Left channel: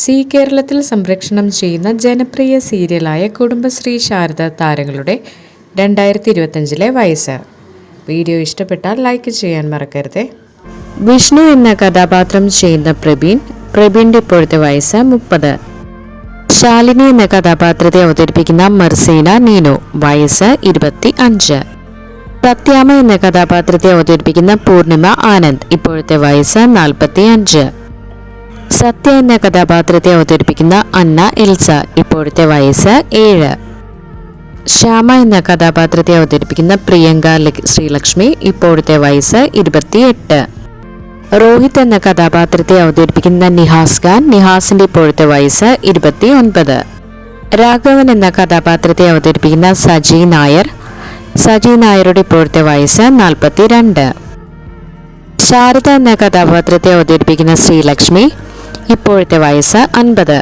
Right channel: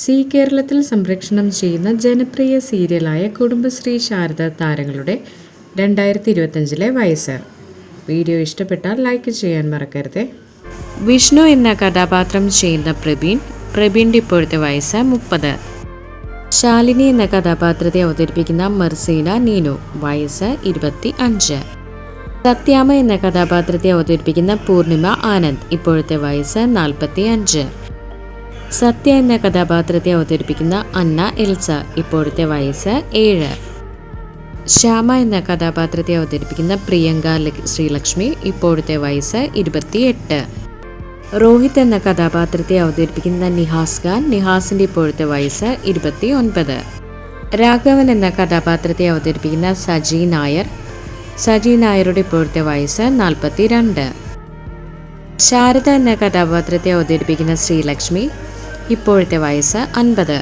C കേരളത്തിൽ സംപ്രേഷണം ചെയ്യുന്ന ജനപ്രിയ സീരിയലായ കുടുംബശ്രീ ശാരദ താരങ്ങളുടെ 2025 വയസ്സ്. വീഡിയോ ഇഷ്ടപ്പെട്ടാൽ ലൈക്ക് ചെയ്യാൻ മറക്കരുത്. വിഷ്ണു എന്ന കഥാപാത്രം ചെയ്യുന്ന പ്രവീണിൻ്റെ ഇപ്പോഴത്തെ വയസ്സ് 30. ശാലിനി എന്ന കഥാപാത്രത്തെ അവതരിപ്പിക്കുന്ന മർസീന നീനു, വയസ്സ് 25. സത്യാമ്മ എന്ന കഥാപാത്രത്തെ അവതരിപ്പിക്കുന്ന പൂർണിമ ആനന്ദ്, ഇപ്പോഴത്തെ വയസ്സ് 45. സത്യ എന്ന കഥാപാത്രത്തെ അവതരിപ്പിക്കുന്ന അന്ന എൽസ, ഇപ്പോഴത്തെ വയസ്സ് 7. ശ്യാമ എന്ന കഥാപാത്രത്തെ അവതരിപ്പിക്കുന്ന പ്രിയങ്ക ശ്രീലക്ഷ്മി, ഇപ്പോഴത്തെ വയസ്സ് 28. രോഹിത് എന്ന കഥാപാത്രത്തെ അവതരിപ്പിക്കുന്ന നിഹാസ് ഖാൻ, നിഹാസിന്റെ ഇപ്പോഴത്തെ വയസ്സ് 29. രാഘവൻ എന്ന കഥാപാത്രത്തെ അവതരിപ്പിക്കുന്ന സജി നായരുടെ ഇപ്പോഴത്തെ വയസ്സ് 42. ശാരദ എന്ന കഥാപാത്രത്തെ അവതരിപ്പിക്കുന്ന ശ്രീലക്ഷ്മി, ഇപ്പോഴത്തെ വയസ്സ് 50.